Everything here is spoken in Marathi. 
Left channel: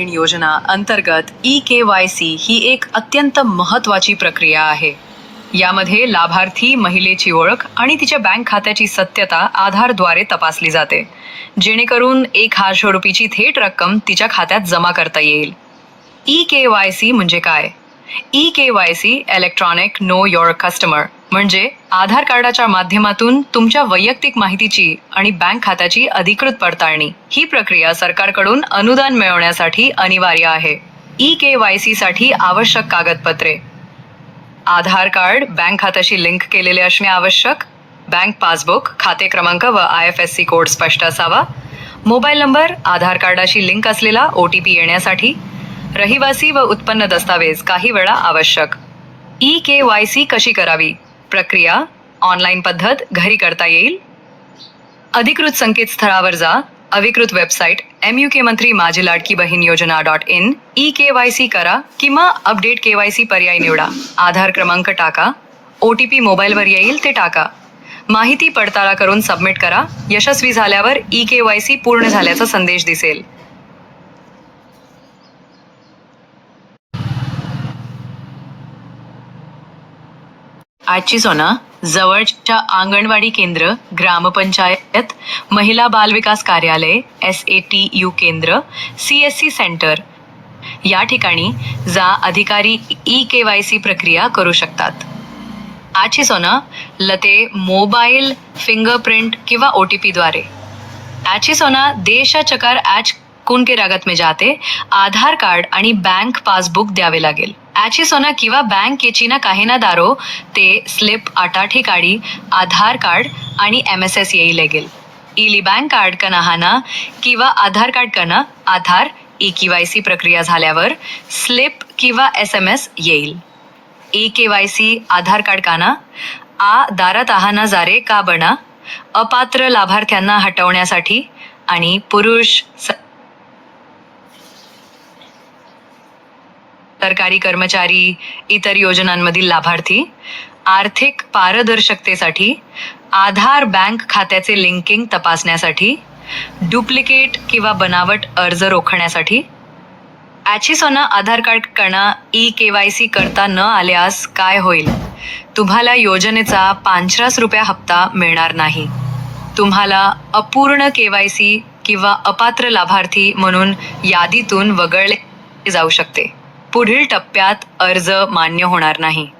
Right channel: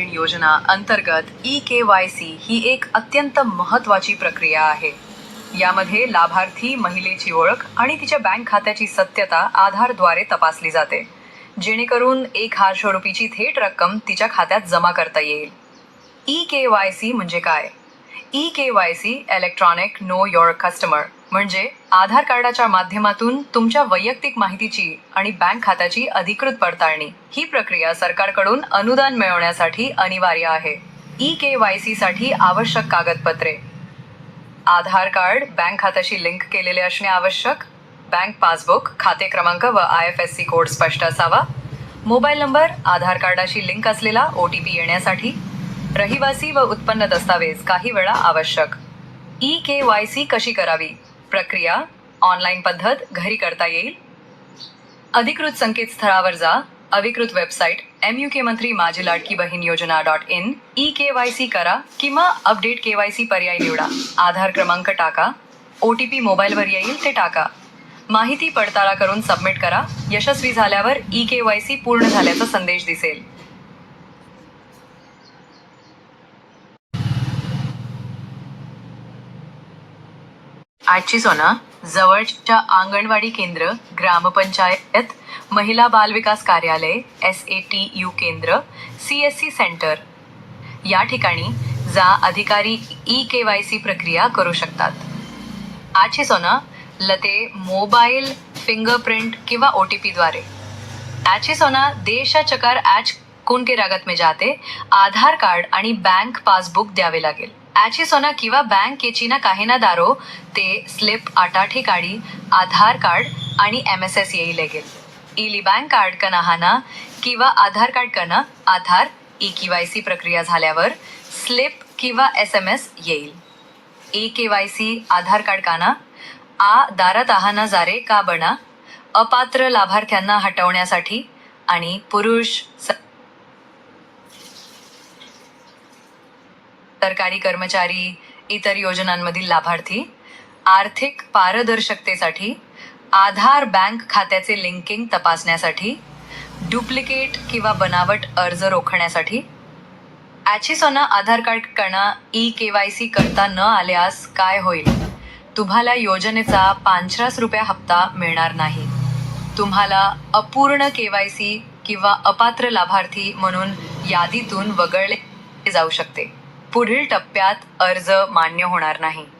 बहीण योजना अंतर्गत ई के वाय सी ही एक अत्यंत महत्वाची प्रक्रिया आहे. यामध्ये लाभार्थी महिलेची ओळख आणि तिच्या बँक खात्याची सत्यता आधारद्वारे तपासली जाते. जेणेकरून एक हजार रुपयाची थेट रक्कम तिच्या खात्यात जमा करता येईल. ई के वाय सी म्हणजे काय? E K Y C electronic know your customer म्हणजे आधार कार्डाच्या माध्यमातून तुमच्या वैयक्तिक माहितीची आणि बँक खात्याची अधिकृत पडताळणी. ही प्रक्रिया सरकारकडून अनुदान मिळवण्यासाठी अनिवार्य आहे. ई के वाय सी साठी आवश्यक कागदपत्रे. आधार कार्ड बँक खात्याशी लिंक केलेले असणे आवश्यक. बँक पासबुक खाते क्रमांक व I F S C code स्पष्ट असावा. मोबाईल नंबर आधार कार्डाशी लिंक असलेला ओ टी पी येण्यासाठी. रहिवासी व उत्पन्न दस्तावेज काही वेळा आवश्यक. ई के वाय सी कशी करावी? प्रक्रिया ऑनलाईन पद्धत घरी करता येईल. अधिकृत संकेतस्थळावर जा. अधिकृत वेबसाईट एम यू के मंत्री माझी लाडकी बहीण योजना dot in. E K Y C करा किंवा अपडेट के वाय सी पर्याय निवडा. आधार क्रमांक टाका. ओ टी पी मोबाईलवर येईल ते टाका. माहिती पडताळा करून सबमिट करा. यशस्वी झाल्यावर ई के वाय सी पूर्ण झाल्याचा संदेश दिसेल. आजची सोना हो जवळच्या अंगणवाडी केंद्र ग्रामपंचायत महिला बाल विकास कार्यालय एस ए टी यू केंद्र सी एस सी सेंटर. या ठिकाणी जा अधिकारी ई के वाय सी प्रक्रिया करू शकतात. आजची सोना हो लते मोबाईल फिंगरप्रिंट किंवा ओ टी पीद्वारे आजची सोना हो देश चकार ॲच कोणके रागात मी जाते आधार कार्ड आणि बँक पासबुक द्यावे लागेल. ॲची सोना किंवा बँक केचीना काही ना दारो ते स्लिप आटाठी काढी आधार कार्ड आणि एम एस एस येई लागेल. इली बँक कार्ड कना हाना किंवा आधार कार्ड कना Aadhaar E K Y C प्रक्रिया झाल्यावर स्लिप किंवा एस एम एस येईल. E K Y C Aadhaar card काना आ दारात आहाना जारे का बना अपात्र लाभार्थ्यांना हटवण्यासाठी आणि पुरुष सरकारी कर्मचारी इतर योजनांमधील लाभार्थी आर्थिक पारदर्शकतेसाठी आधार बँक खात्याचे लिंकिंग तपासण्यासाठी डुप्लिकेट किंवा बनावट अर्ज रोखण्यासाठी ॲचिसोना आधार कार्ड करणं ई के वाय सी करता न आल्यास काय होईल? तुम्हाला योजनेचा पांचराच रुपया हप्ता मिळणार नाही. तुम्हाला अपूर्ण के वाय सी किंवा अपात्र लाभार्थी म्हणून यादीतून वगळले जाऊ शकते. पुढील टप्प्यात अर्ज मान्य होणार नाही.